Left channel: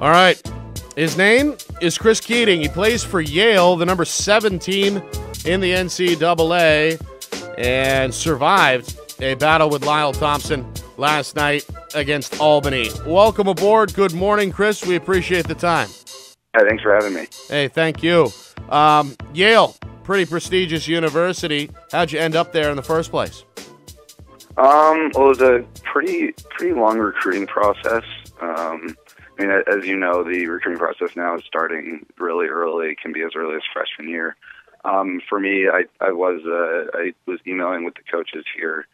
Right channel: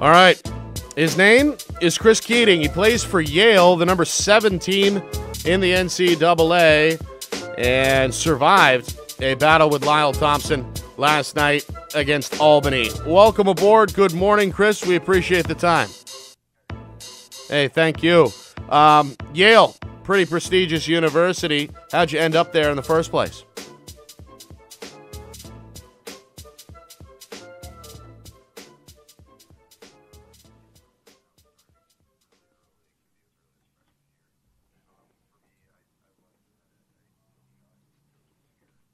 All right. His name is Chris Keating. He plays for Yale, the number 7 team in the NCAA, and survived a battle with Lyle Thompson last night against Albany. Welcome aboard. Good morning, Chris. We appreciate the time. Hey, thanks for having me. Hey, thank you. Yale, pretty prestigious university. How'd you end up there in the first place? Well, it was a pretty long recruiting process. I mean, as you know, the recruiting process now is starting really early. It can be as early as freshman year. For me, I was emailing with the coaches here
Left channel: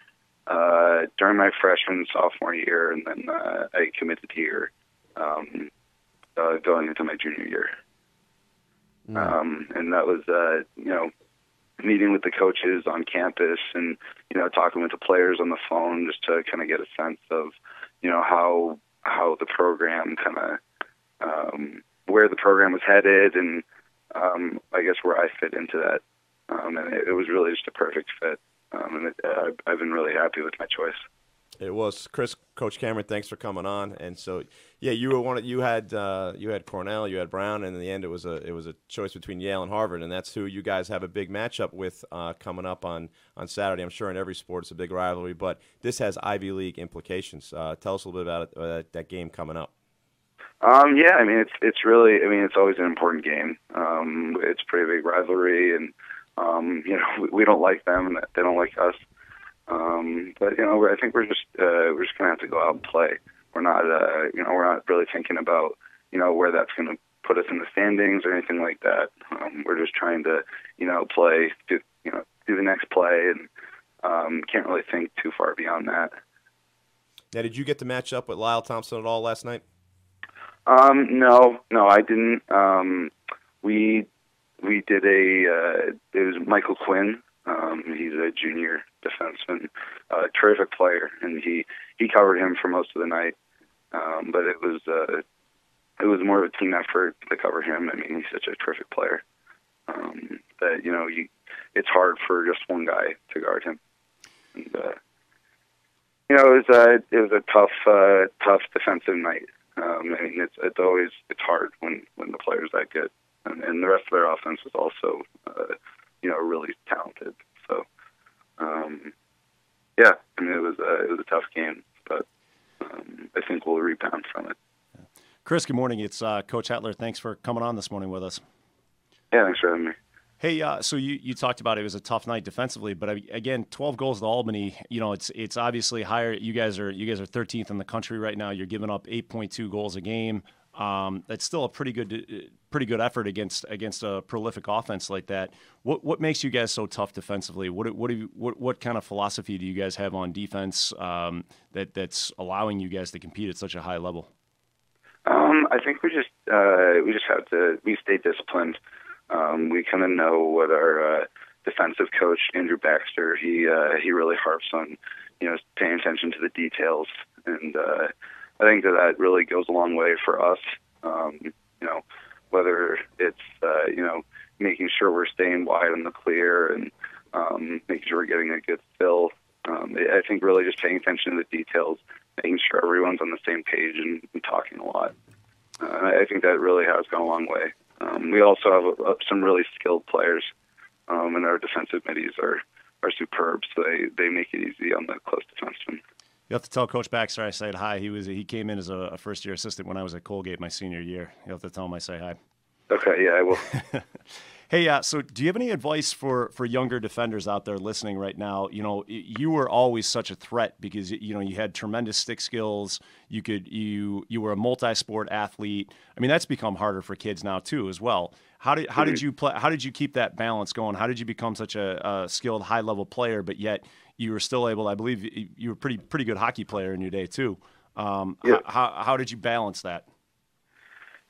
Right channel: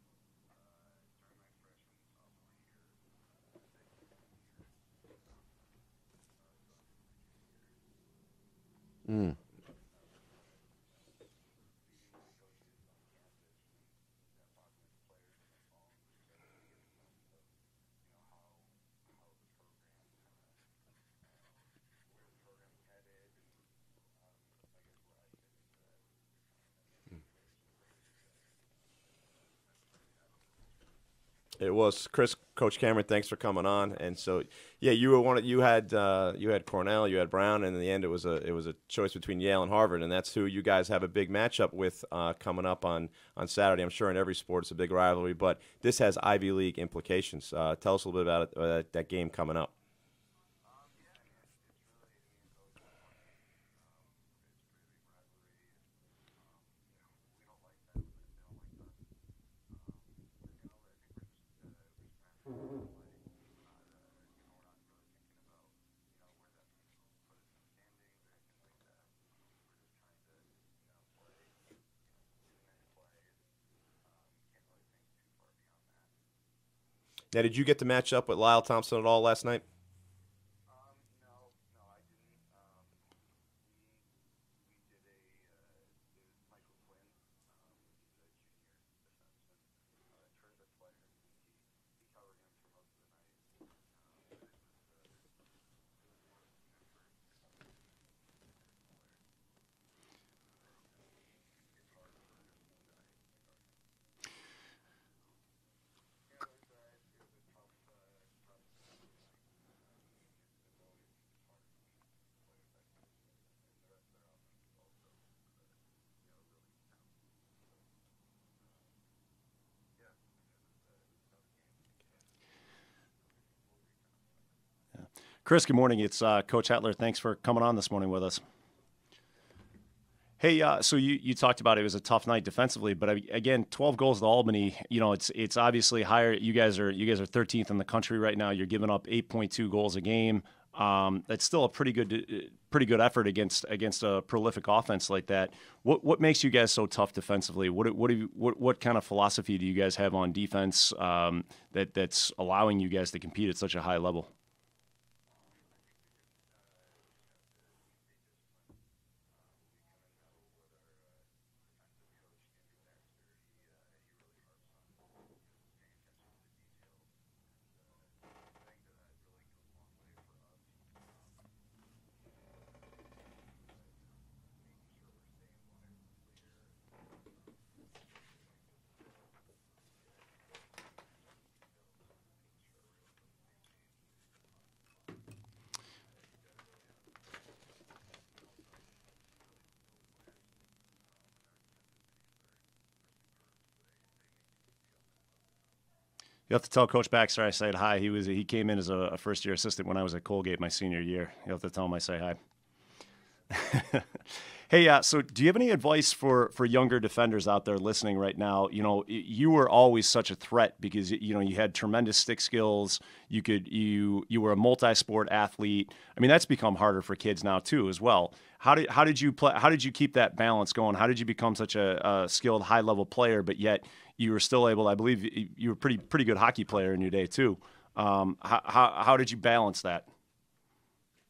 during my freshman and sophomore year, and then I committed here going into my junior year. And that was, meeting with the coaches on campus and, talking with the players on the phone just to kind of get a sense of, how the program kind of, where the program was headed and I guess where I fit into that. And it was really just a perfect fit. And I've been really happy with my choice. It was. Chris, Coach Cameron, thanks for coming on. And so, yeah, you had Cornell, you had Brown, and in the end it was a choice between Yale and Harvard, and that's who you guys have a big matchup with coming up on Saturday. I'm sure in every sport it's a big rivalry, but this has Ivy League implications. Tell us a little bit about that game coming up. Yeah, I mean it's really, it's always an important game. It's a pretty big rivalry, and we don't like them, and they don't like us. But I think we're just gonna have to go out and play. We're not really thinking about where that's gonna put us in the standings or anything like that. We're just trying to play, do the next play, and can't really think too far beyond that. Now, did you get to match up with Lyle Thompson at all last night? No, I didn't. We did it was Michael Quinn. He's a junior defenseman, terrific player, and he covered him for most of the night. But it was more of a team effort to cover him. I mean, he's such a terrific player that it's hard for just one guy to guard him. And, it was a tough defensive night. I mean, it's hard when the player's that good, and the rest of their offense was also really talented. So, yeah, I mean, it was a tough game, but I think we'll rebound from it. Yeah. Chris, good morning. It's Coach Hetler. Thanks for coming on this morning with us. Yeah, thanks for having me. Hey, so you talked about it was a tough night defensively, but again, 12 goals to Albany. It's obviously higher. You guys are 13th in the country right now. You're giving up 8.2 goals a game. That's still a pretty good effort against a prolific offense like that. What makes you guys so tough defensively? What kind of philosophy do you guys have on defense that's allowing you guys to compete at such a high level? I think we just have to stay disciplined. We kind of know what our defensive coach Andrew Baxter he really harps on, paying attention to the details, and I think that really goes a long way for us. Whether it's making sure we're staying wide in the clear and making sure we're getting a good fill. I think really just paying attention to the details, making sure everyone's on the same page and talking a lot. I think that really has gone a long way. We also have some really skilled players, and our defensive middies are superb, so they make it easy on the close defensemen. You have to tell Coach Baxter I said hi. He came in as a first-year assistant when I was at Colgate my senior year. You have to tell him I say hi. Okay, yeah, I will. Hey, so do you have any advice for younger defenders out there listening right now? You were always such a threat because you had tremendous stick skills. You were a multi-sport athlete. I mean, that's become harder for kids now too, as well. How did you play? How did you keep that balance going? How did you become such a skilled, high-level player, but yet you were still able? I believe you were a pretty good hockey player in your day too. Yeah. How did you balance that?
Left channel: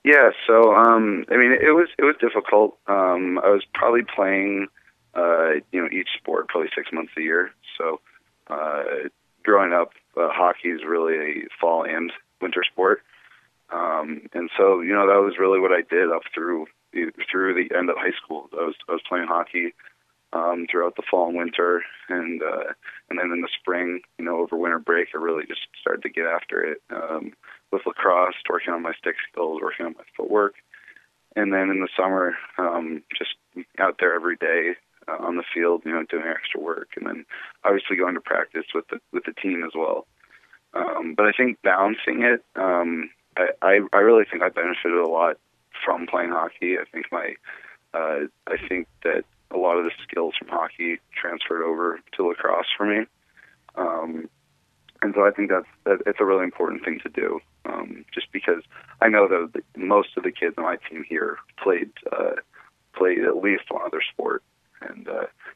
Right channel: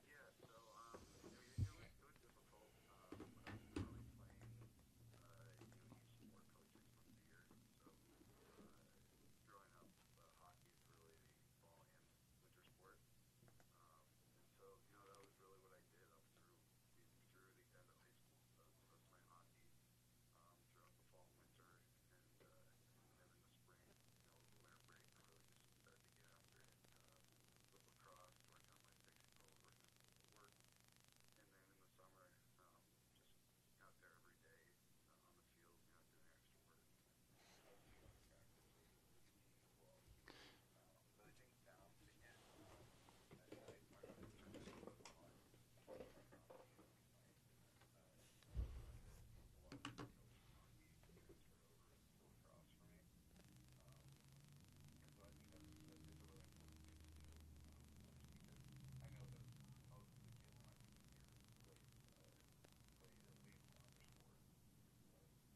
Yeah, so I mean, it was difficult. I was probably playing, each sport probably 6 months a year. So growing up, hockey is really a fall and winter sport, and so that was really what I did up through the end of high school. I was playing hockey throughout the fall and winter, and then in the spring, over winter break, I really just started to get after it. lacrosse, working on my stick skills, working on my footwork. And then in the summer, just out there every day on the field, doing extra work, and then obviously going to practice with the team as well. But I think balancing it, I really think I benefited a lot from playing hockey. I think that a lot of the skills from hockey transferred over to lacrosse for me. And so I think it's a really important thing to do, just because I know that most of the kids on my team here played at least one other sport, and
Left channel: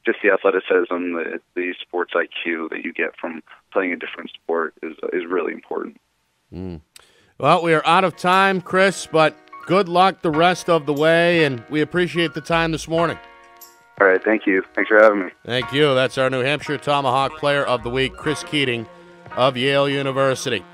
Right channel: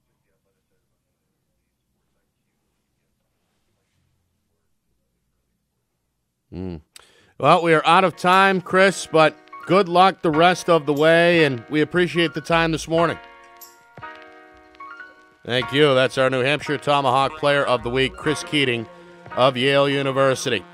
just the athleticism, the sports IQ that you get from playing a different sport is really important. Well, we are out of time, Chris, but good luck the rest of the way, and we appreciate the time this morning. All right, thank you. Thanks for having me. Thank you. That's our New Hampshire Tomahawk Player of the Week, Chris Keating of Yale University.